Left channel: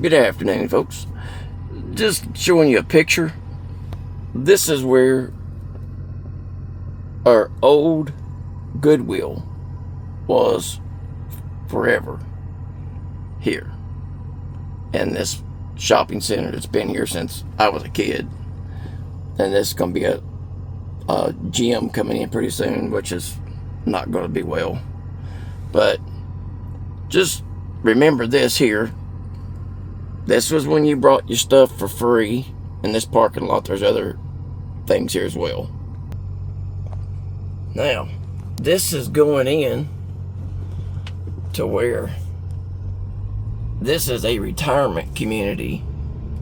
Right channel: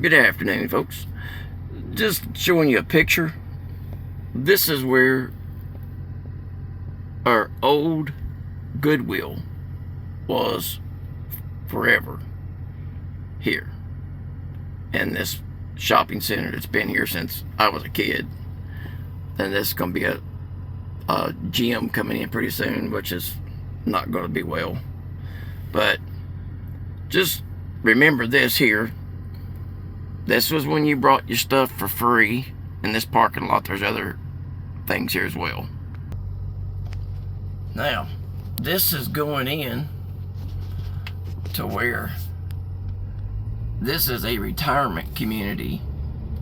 Good afternoon, folks. Just showing you a picture. This is where our old Goodwill was forever here. And this shopping center that's been here since I was a kid. And this is going to be a gym coming in pretty soon, which is not going to be well. But just remember this here. This was when you brought your stuff for free. In this parking lot, there's other things here as well. Now, this is going in to where this is a retirement community,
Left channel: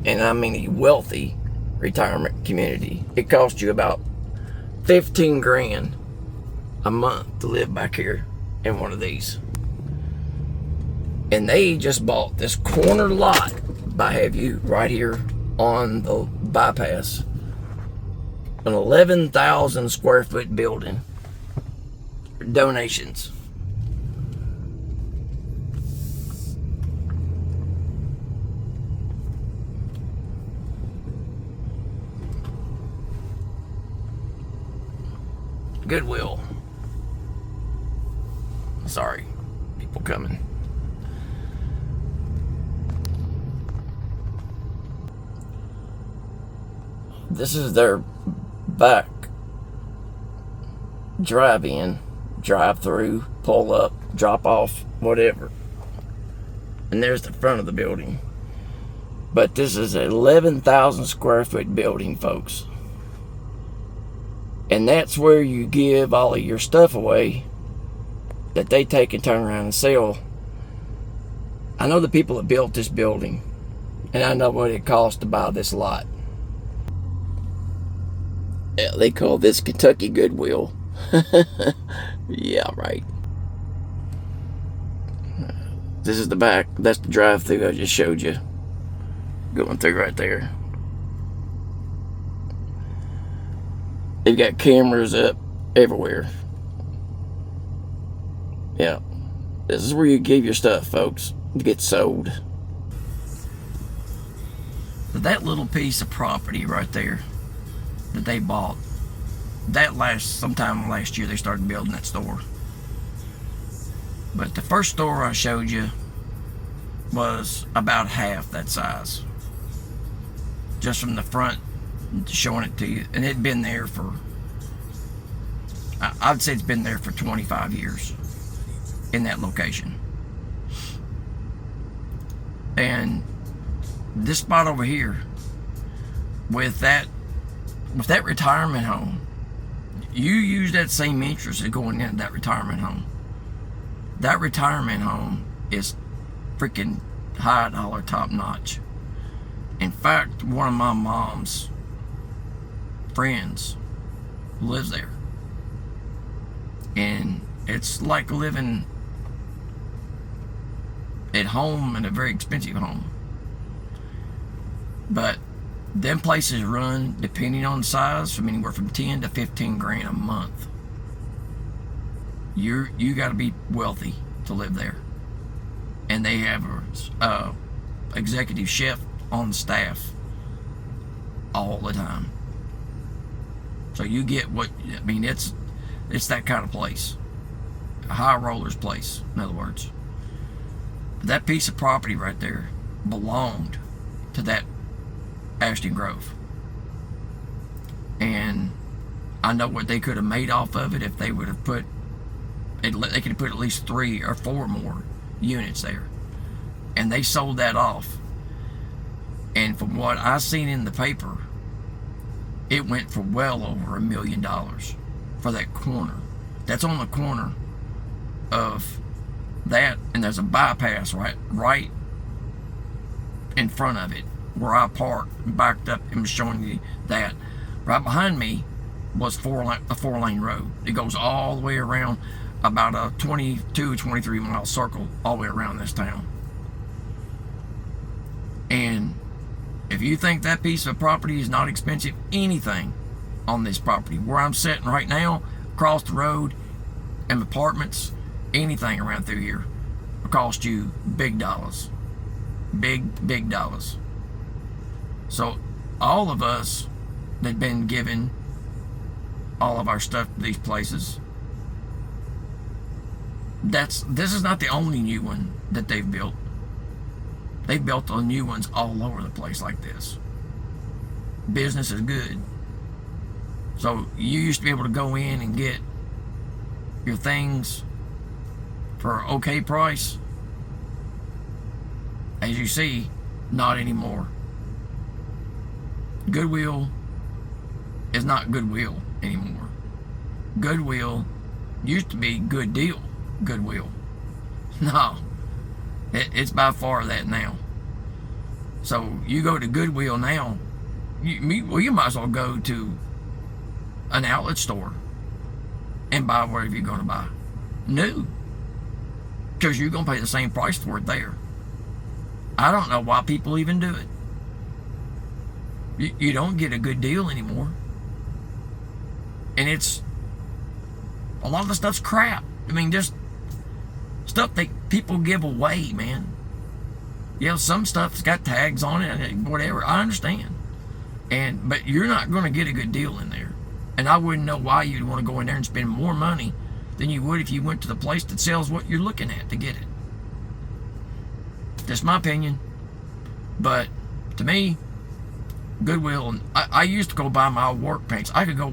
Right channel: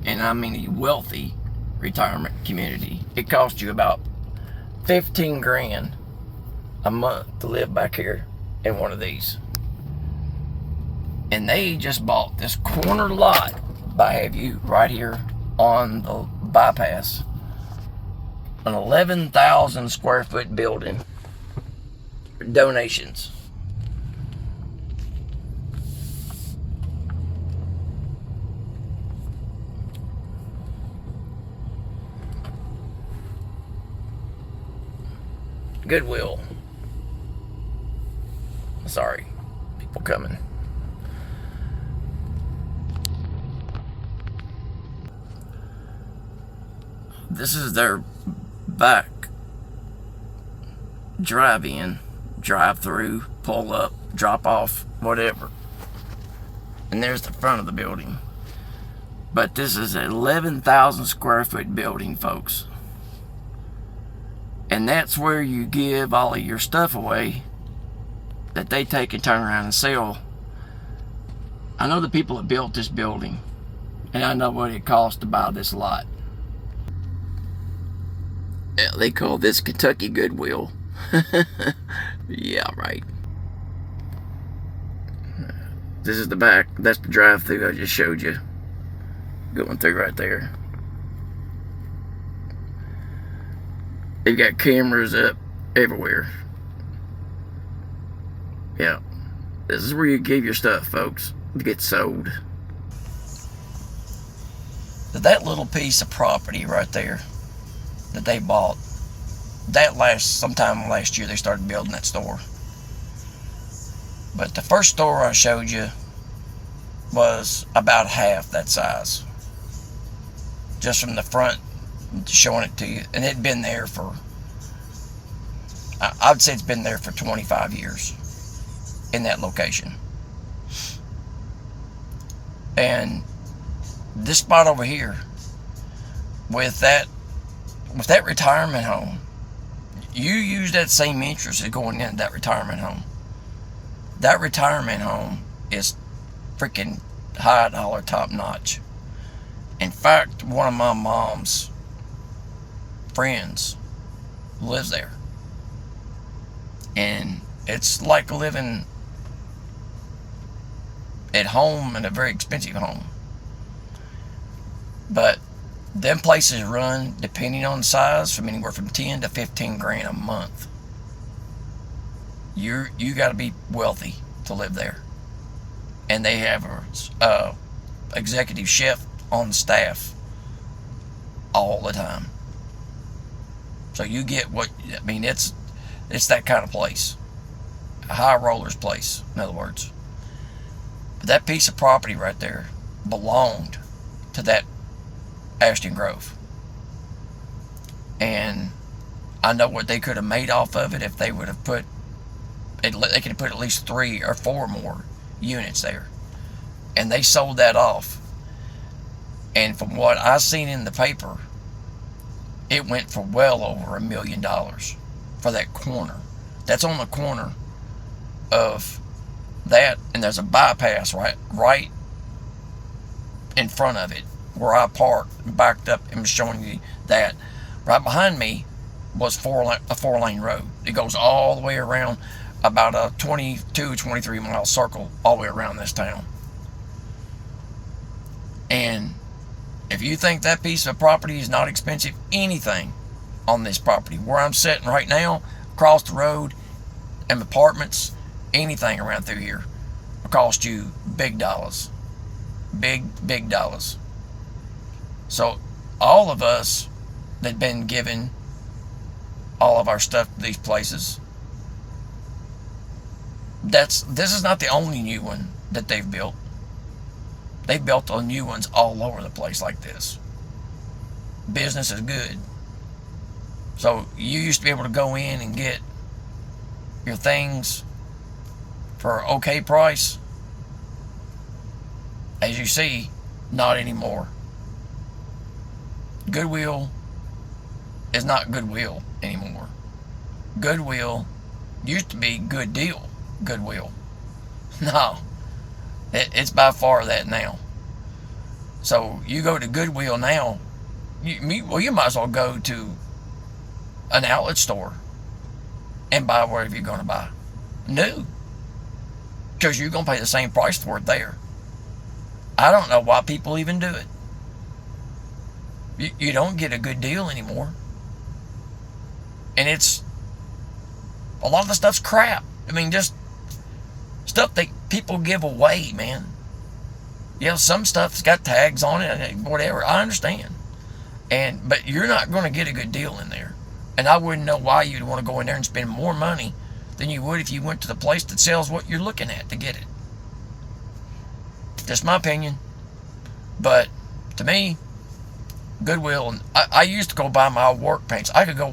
and I mean a wealthy retirement community. It costs you about 15 grand a month to live back here in one of these. And they just bought this corner lot by Haveview right here on the bypass. An 11,000 square foot building. Donations. Goodwill. Sorry, people coming. This is their back drive-in, drive-through, pull up, drop off, whatever. And there's the front of the building. But this is an 11,000 square foot building, folks. And that's where you give all of your stuff away that they take and turn around and sell. I know the people that built this building, and I know what it cost to buy this lot. Yeah, they call this Kentucky Goodwill. Yeah, right. This is the back. That's the drive-through I just showed you. Going through right there. They've got cameras up everywhere. Yeah. This is where you give your stuff, folks, to get sold. That little piece of property right there that they bought, that sometime last year they started building that store. But the first store I showed you was about half that size, just from the front, showing it to you. And it'd been there for, I'd say it's been there for 25 years in that location. And this spot over here with that retirement home, you use that same interest as going into that retirement home. That retirement home is freaking high dollar, top notch. In fact, one of my mom's friends lives there. And it's like living at home in a very expensive home. But them places run, depending on size, from anywhere from 10 to 15 grand a month. You got to be wealthy to live there. And they have a executive chef on staff all the time. So you get what, I mean, it's that kind of place. A high rollers place, in other words. But that piece of property right there belonged to that Ashton Grove. And I know what they could have made off of it if they would have put, they could have put at least 3 or 4 more units there. And they sold that off. And from what I seen in the paper, it went for well over $1 million for that corner. That's on the corner of that, and there's a bypass right in front of it where I parked and backed up and was showing you that. Right behind me was a 4-lane road. It goes all the way around, about a 23 mile circle all the way around this town. And if you think that piece of property is not expensive, anything on this property, where I'm sitting right now, across the road, and apartments, anything around through here will cost you big dollars. big dollars. So all of us that been given all of our stuff to these places, this is not the only new one that they've built. They've built the new ones all over the place like this. Business is good. So you used to be able to go in and get your things for an okay price. As you see, not anymore. Goodwill is not Goodwill anymore. Goodwill used to be Good Deal Goodwill. No, it's by far that now. So you go to Goodwill now, you might as well go to an outlet store and buy whatever you're going to buy new, because you're going to pay the same price for it there. I don't know why people even do it. You don't get a good deal anymore, and it's a lot of the stuff's crap. I mean, just stuff that people give away, man. You know, some stuff's got tags on it and whatever. I understand, but you're not going to get a good deal in there. And I wouldn't know why you'd want to go in there and spend more money than you would if you went to the place that sells what you're looking at to get it. That's my opinion. But to me, Goodwill, and I used to go buy my work pants. I could go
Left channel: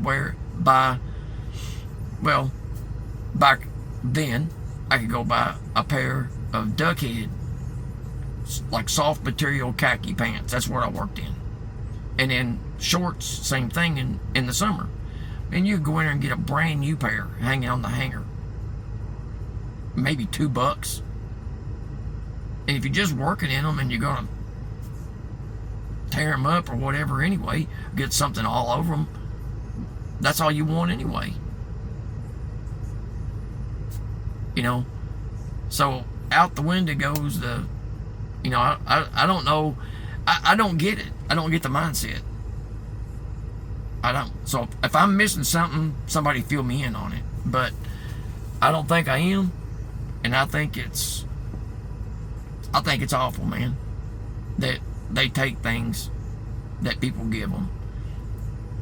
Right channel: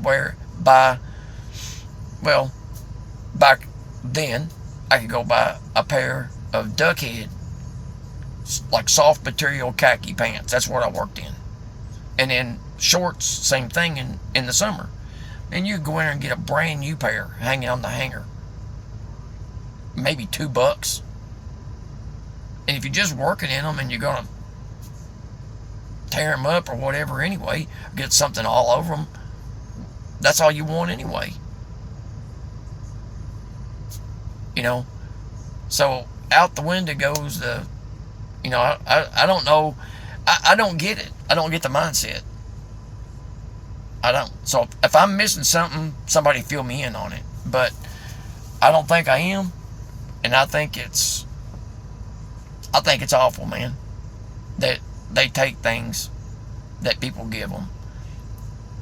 back then, I could go buy a pair of Duckhead, like soft material khaki pants. That's what I worked in. And then shorts, same thing in the summer. And you go in there and get a brand new pair hanging on the hanger. Maybe $2. And if you're just working in them and you're going to tear them up or whatever anyway, get something all over them, that's all you want anyway. You know? So out the window goes the, you know, I don't know. I don't get it. I don't get the mindset. I don't. So if I'm missing something, somebody fill me in on it. But I don't think I am. And I think it's awful, man, that they take things that people give them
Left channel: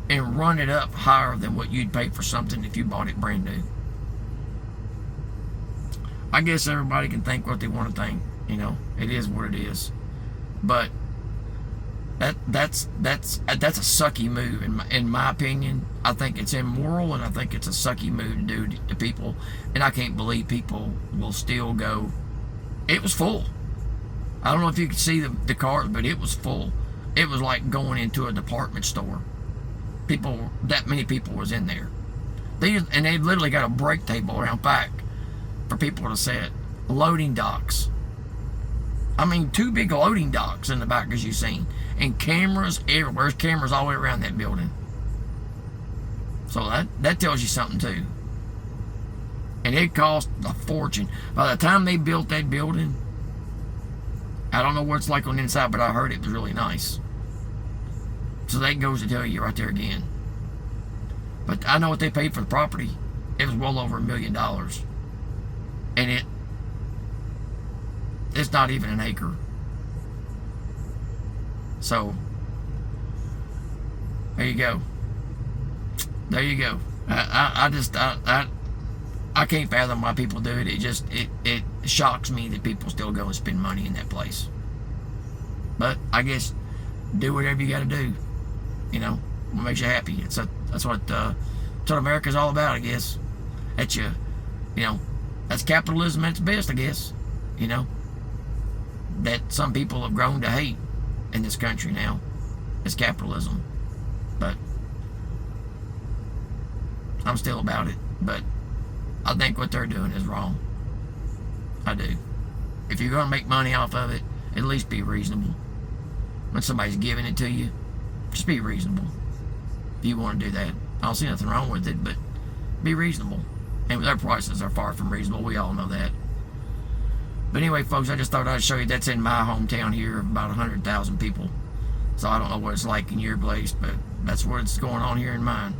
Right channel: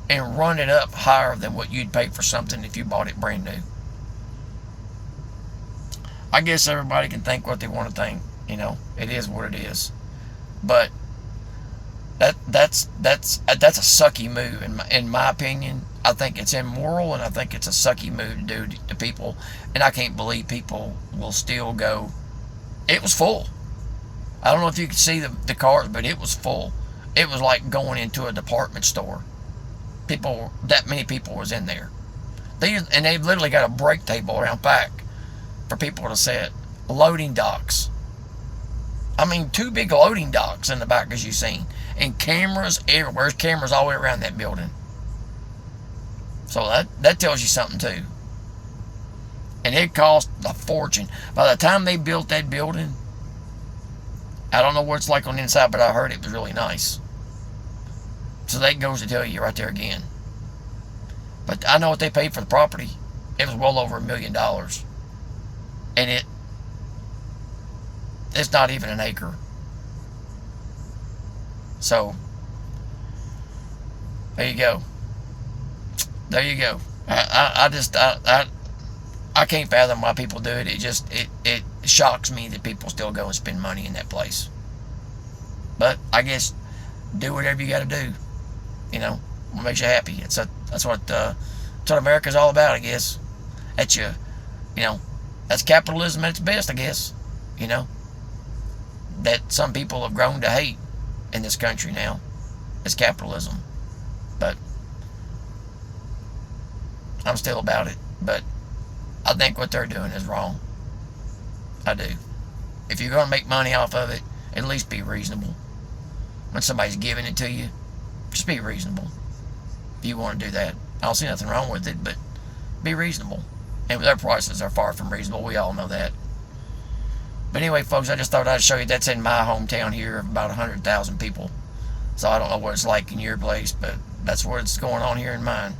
and run it up higher than what you'd pay for something if you bought it brand new. I guess everybody can think what they want to think. You know, it is what it is. But that's a sucky move in my opinion. I think it's immoral, and I think it's a sucky move to do to people. And I can't believe people will still go. It was full. I don't know if you could see the cars, but it was full. It was like going into a department store. That many people was in there. They've literally got a break table around back for people to sit. Loading docks. I mean, 2 big loading docks in the back, as you've seen. And cameras everywhere. There's cameras all the way around that building. So that tells you something, too. And it cost a fortune. By the time they built that building, I don't know what it's like on the inside, but I heard it was really nice. So that goes to tell you right there again. But I know what they paid for the property. It was well over $1 million. And it's not even an acre. So there you go. There you go. I can't fathom why people do it. It shocks me that people still go and spend money in that place. But I guess do whatever you got to do. You know, what makes you happy. That's what America's all about, I guess. That's that's capitalism at its best, I guess. You know, that some people have grown to hate in this country now. It's capitalism. But I'm still about it. But I think what they're doing is wrong. I do. If you're going to make money off of it, at least be reasonable. When somebody's giving it to you, just be reasonable. If you want to do that, I don't see nothing wrong with it, but be reasonable. And their prices are far from reasonable. We all know that. But anyway, folks, I just thought I'd show you that's in my hometown here, about 100,000 people. So I don't know what it's like in your place, but that's what's going on here in mine.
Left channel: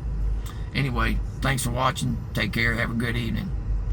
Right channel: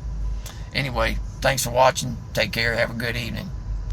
Anyway, thanks for watching. Take care. Have a good evening.